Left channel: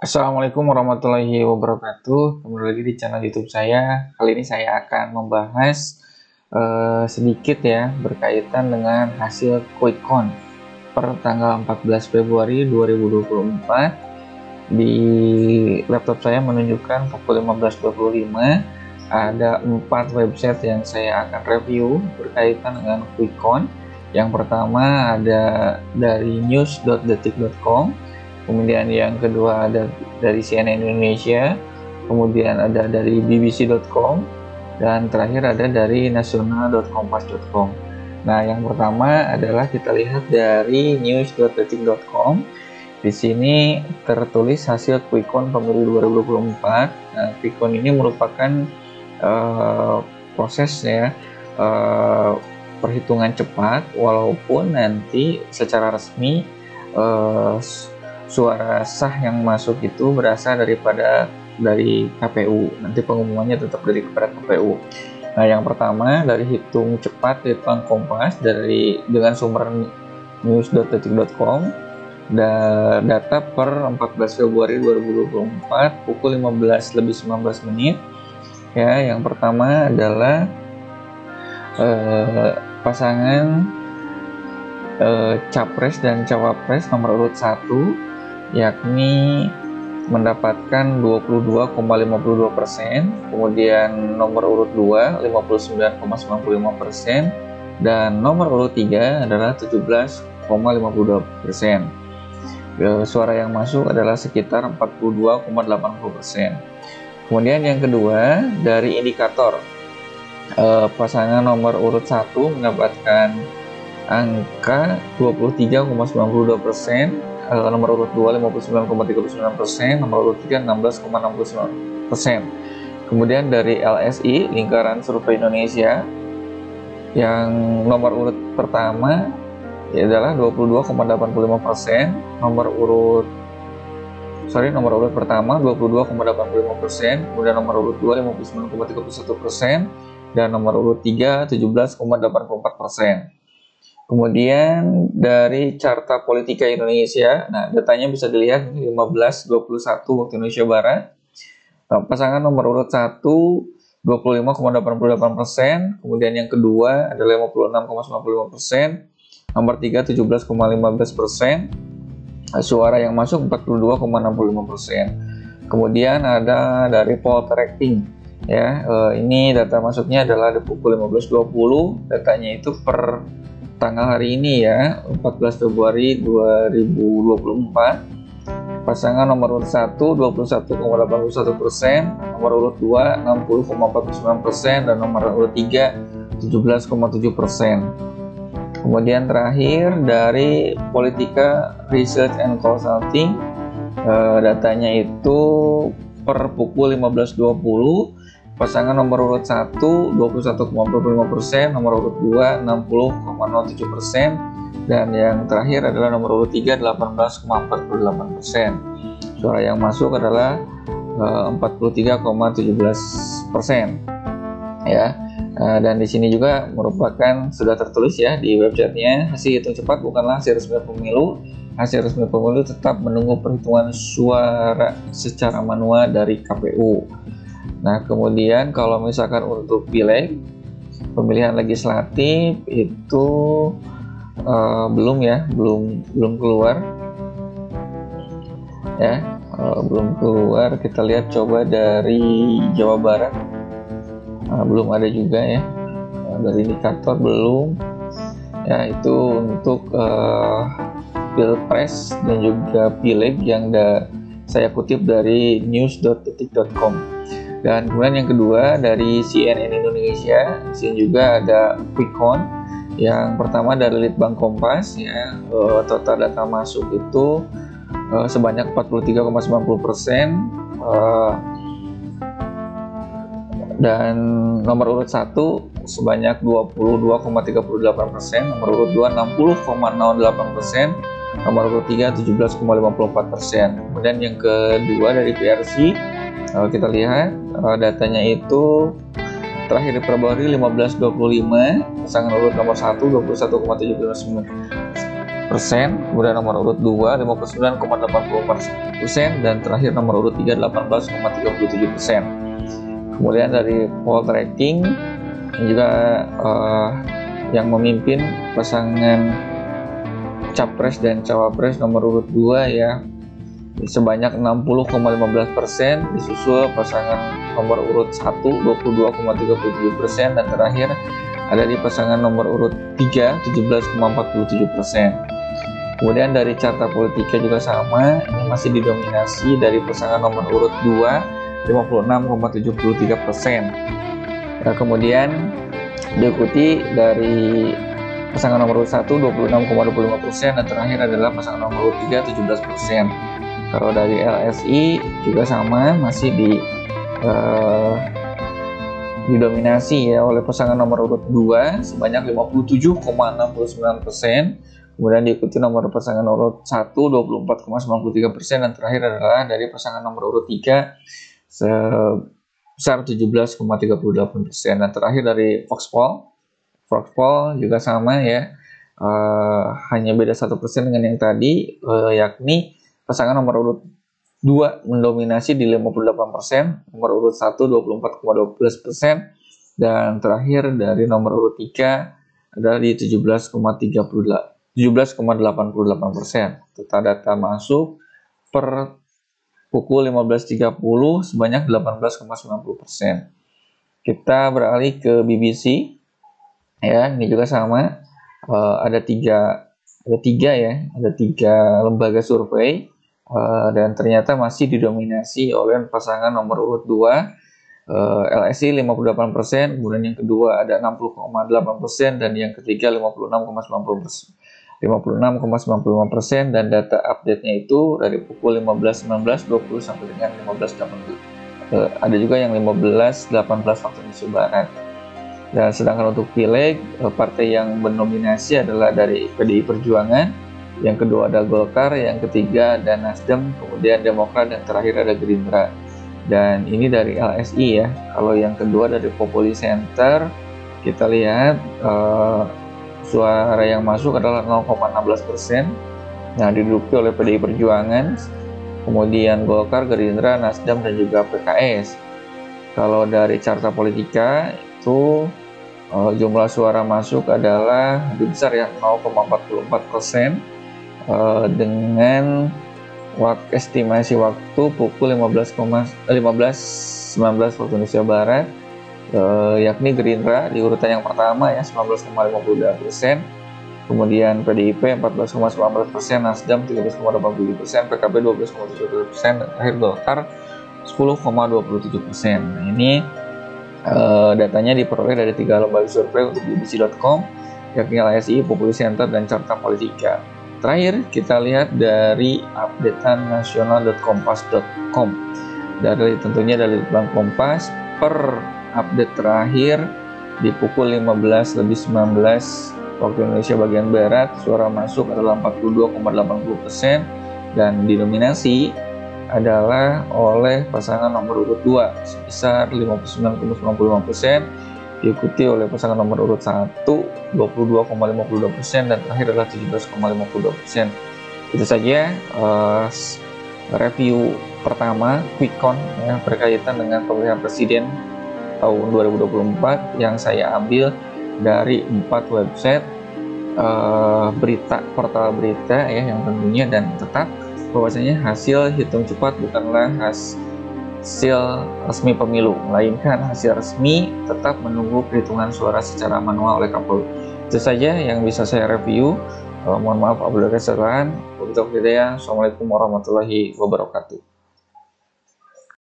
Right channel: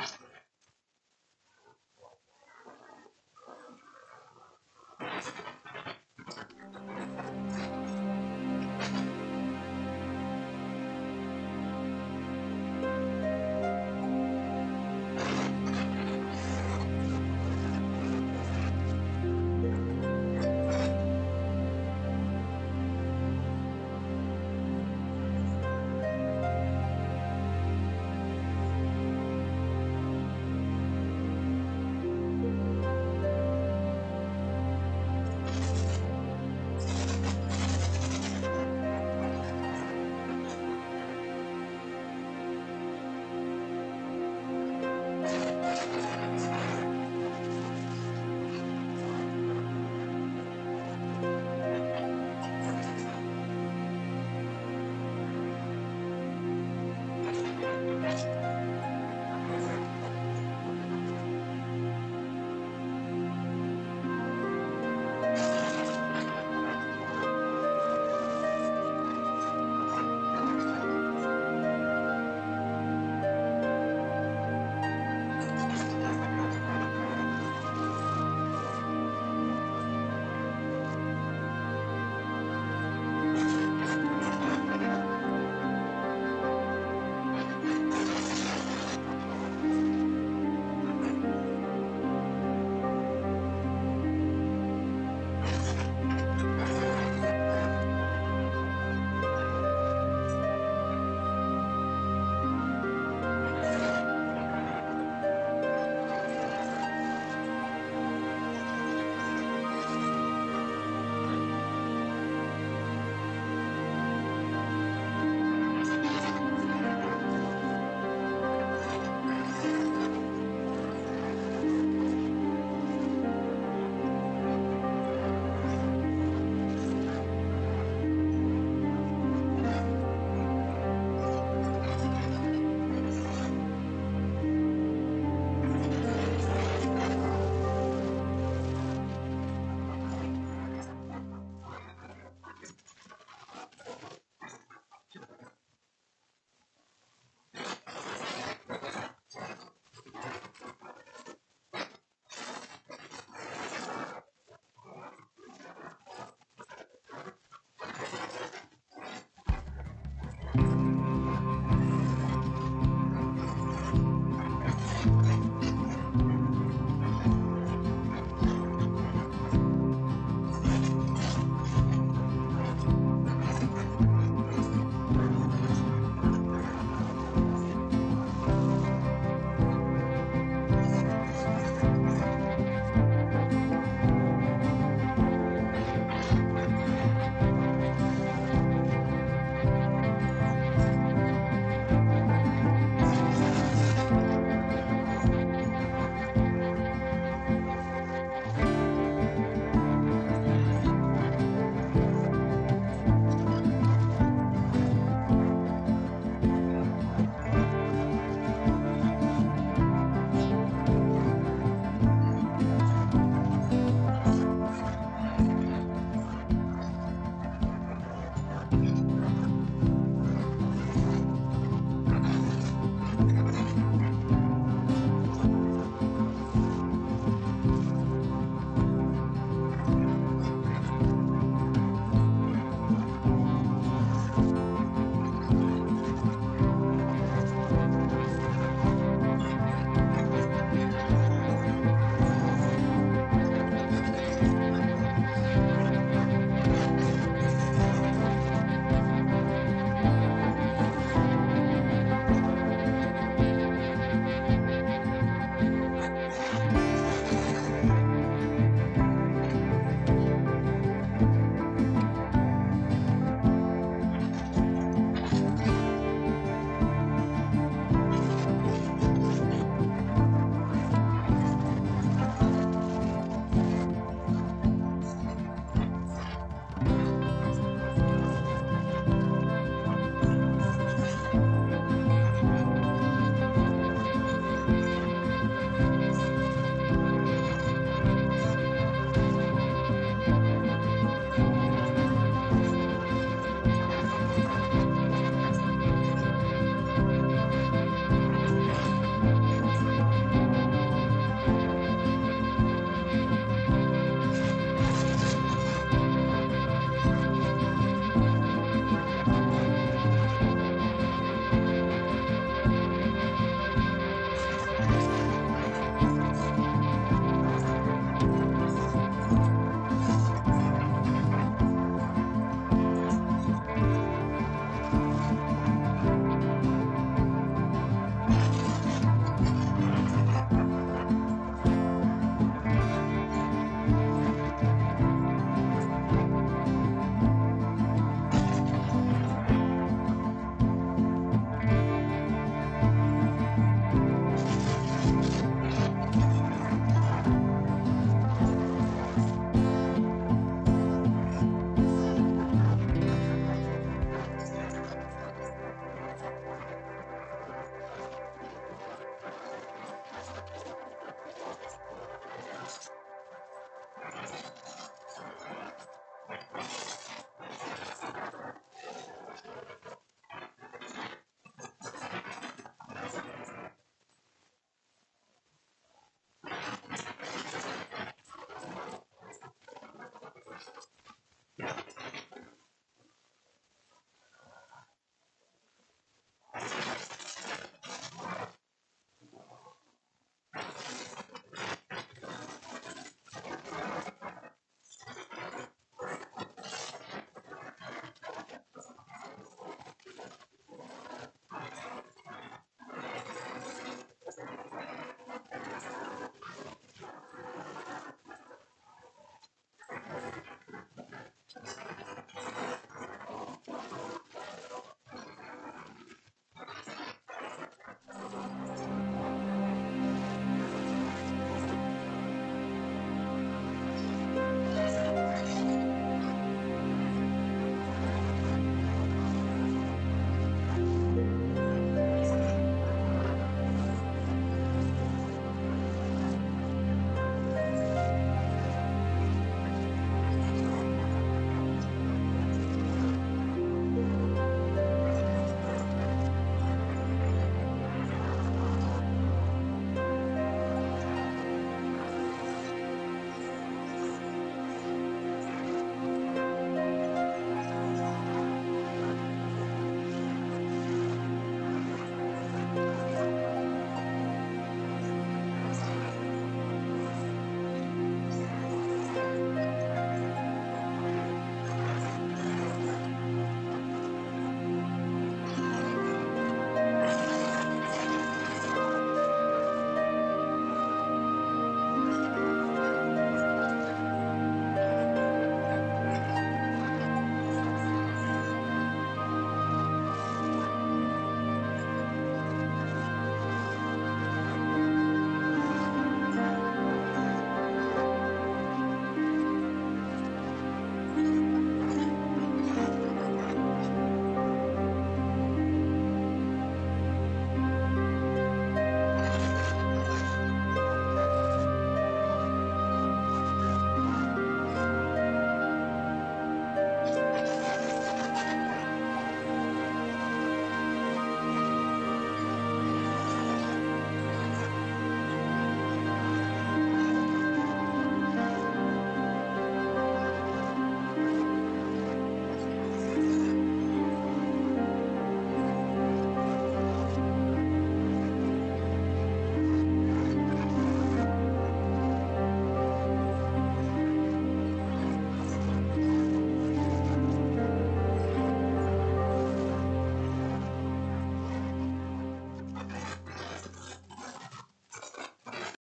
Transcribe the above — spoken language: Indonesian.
Assalamualaikum warahmatullahi wabarakatuh. Kembali lagi di channel YouTube saya. Kali ini saya akan membahas sedikit ya berkaitan dengan hasil quick count per tanggal 14 Februari 2024. Di laptop saya menunjukkan pukul 15.25. Ada 4 website yang saya akan review berkaitan dengan quick count. Yang pertama ada dari news.detik.com, kemudian yang kedua ada dari CNN Indonesia, kemudian ada dari bbc.com, dan terakhir ada dari nasional.kompas.com. Nah, yang pertama adalah kita lihat dari news.detik.com. Di sini tertulis hasil quick count pemilu 2024. Nah, quick count ini merupakan proses ya, perhitungan cepat, walaupun nanti secara resmi suara sah yang masuk itu berasal dari KPU. Nanti pengumumannya tetap kepada KPU. Nah, yang pertama dari hitung cepat Litbang Kompas dengan sumber news.detik.com, data per 14 Februari 2024 pukul 15:19 ya. Yang pertama adalah pasangan capres dan cawapres nomor urut 1, yakni mendapatkan 22,52%, kemudian nomor urut 2 59,95%, dan nomor urut 3 adalah 17,52%. Suara yang masuk adalah sekitar 42,80%. Kemudian yang kedua dari indikator, pasangan nomor urut 1 mendapatkan angka 23,92%, nomor urut 2 59,39%, nomor urut 3 16,69%. Kemudian dari LSI, Lingkaran Survei Indonesia, yang nomor urut pertama adalah 22,85%, nomor urut pertama 22,85%, kemudian nomor urut 2 59,31%, dan nomor urut 3 17,84%. Kemudian dari Carta Politika Indonesia, nah datanya bisa dilihat 15:21 waktu Indonesia Barat. Nah, pasangan nomor urut 1 25,88%, kemudian yang kedua adalah 56,95%, nomor 3 17,15%, suara yang masuk 42,65%. Kemudian ada dari Poltreking ya, ini data masuknya adalah di pukul 15.20, datanya itu per tanggal hari ini ya, 14 Februari 2024. Pasangan nomor urut 1 21,81%, nomor urut 2 60,49%, dan nomor urut 3 17,7%. Kemudian terakhir dari Politika Research and Consulting, datanya itu per pukul 15.20, pasangan nomor urut 1 21,45%, nomor urut 2 60,07%, dan yang terakhir adalah nomor urut 3 18,48%. Suara yang masuk adalah 43,17% ya. Dan di sini juga merupakan sudah tertulis ya di websitenya, hasil hitung cepat bukanlah hasil resmi pemilu. Hasil resmi pemilu tetap menunggu perhitungan suara secara manual dari KPU. Nah, kemudian kalau misalkan untuk pileg, pemilihan legislatif itu belum keluar ya, belum keluar. Kita lihat coba dari Jawa Barat, belum ada juga ya, dari indikator belum ya. Itu untuk pilpres dan juga pileg yang saya kutip dari news.detik.com. Dan kemudian yang kedua dari CNN Indonesia, di sini juga ada quick count. Yang pertama dari Litbang Kompas ya, total data masuk itu sebanyak 43,90%, dan nomor urut 1 sebanyak 22,38%, nomor urut 2 60,08%, nomor urut 3 17,54%. Kemudian yang kedua dari PRC, kita lihat datanya itu terakhir di Februari 15.25, pasangan urut nomor 1 21,79%, kemudian nomor urut 2 59,80%, dan terakhir nomor urut 3 18,37%. Kemudian dari poll tracking juga yang memimpin pasangan capres dan cawapres nomor urut 2 ya sebanyak 60,15%, disusul pasangan nomor urut 1 22,37%, dan terakhir ada di pasangan nomor urut 3 17,47%. Kemudian dari carta politika juga sama, masih didominasi dari pasangan nomor urut 2 56,73%. Nah, kemudian diikuti dari pasangan nomor urut 1 26,25%, dan terakhir adalah pasangan nomor urut 3 17%. Kalau dari LSI juga sama, masih didominasi ya oleh pasangan nomor urut 2 sebanyak 57,69%. Kemudian diikuti nomor pasangan nomor urut 1 24,93%, dan terakhir adalah dari pasangan nomor urut 3 sebesar 17,38%. Dan terakhir dari Voxpol juga sama ya, hanya beda 1% dengan yang tadi, yakni pasangan nomor urut 2 mendominasi di 58%, nomor urut 1 24,12%, dan terakhir dari nomor urut 3 adalah di 17,88%. Kita data masuk per pukul 15.30 sebanyak 18,90%. Kita beralih ke BBC ya, ini juga sama, ada tiga lembaga survei, dan ternyata masih didominasi oleh pasangan nomor urut 2 LSI 58%, kemudian yang kedua ada 60,8%, dan yang ketiga 56,95%, dan data update-nya itu dari pukul 15.19, 20 sampai dengan 15.80. Ada juga yang 15.18 waktu Indonesia Barat. Dan sedangkan untuk pileg, partai yang mendominasi adalah dari PDI Perjuangan, yang kedua ada Golkar, yang ketiga ada Nasdem, kemudian Demokrat, dan terakhir ada Gerindra. Dan ini dari LSI ya. Kalau yang kedua dari Populi Center, kita lihat suara yang masuk adalah 0,16%. Nah, diduduki oleh PDI Perjuangan, kemudian Golkar, Gerindra, Nasdem, dan juga PKS. Kalau dari carta politika itu jumlah suara masuk adalah lebih besar ya, 0,44%, dengan estimasi waktu pukul 15.19 waktu Indonesia Barat, yakni Gerindra di urutan yang pertama ya 19,52%, kemudian PDIP 14,19%, Nasdem 13,87%, PKB 12,22%, dan terakhir Golkar 10,27%. Ini datanya diperoleh dari 3 lembaga survei untuk bbc.com, yakni LSI, Populi Center, dan Carta Politika. Terakhir kita lihat dari updateannasional.kompas.com, dari tentunya dari Bank Kompas. Per update terakhir di pukul 15.19 waktu Indonesia bagian Barat, suara masuk adalah 42,80%, dan didominasi adalah oleh pasangan nomor urut 2 sebesar 59,95%, diikuti oleh pasangan nomor urut 1 22,52%, dan terakhir adalah 17,52%. Itu saja review pertama quick count ya, berkaitan dengan pemilihan presiden tahun 2024 yang saya ambil dari 4 website berita, portal berita ya, yang tentunya, dan tetap bahwasanya hasil hitung cepat bukanlah hasil resmi pemilu, melainkan hasil resmi tetap menunggu perhitungan suara secara manual oleh KPU. Itu saja yang bisa saya review. Mohon maaf apabila ada kesalahan. Wabillahi taufiq. Assalamualaikum warahmatullahi wabarakatuh.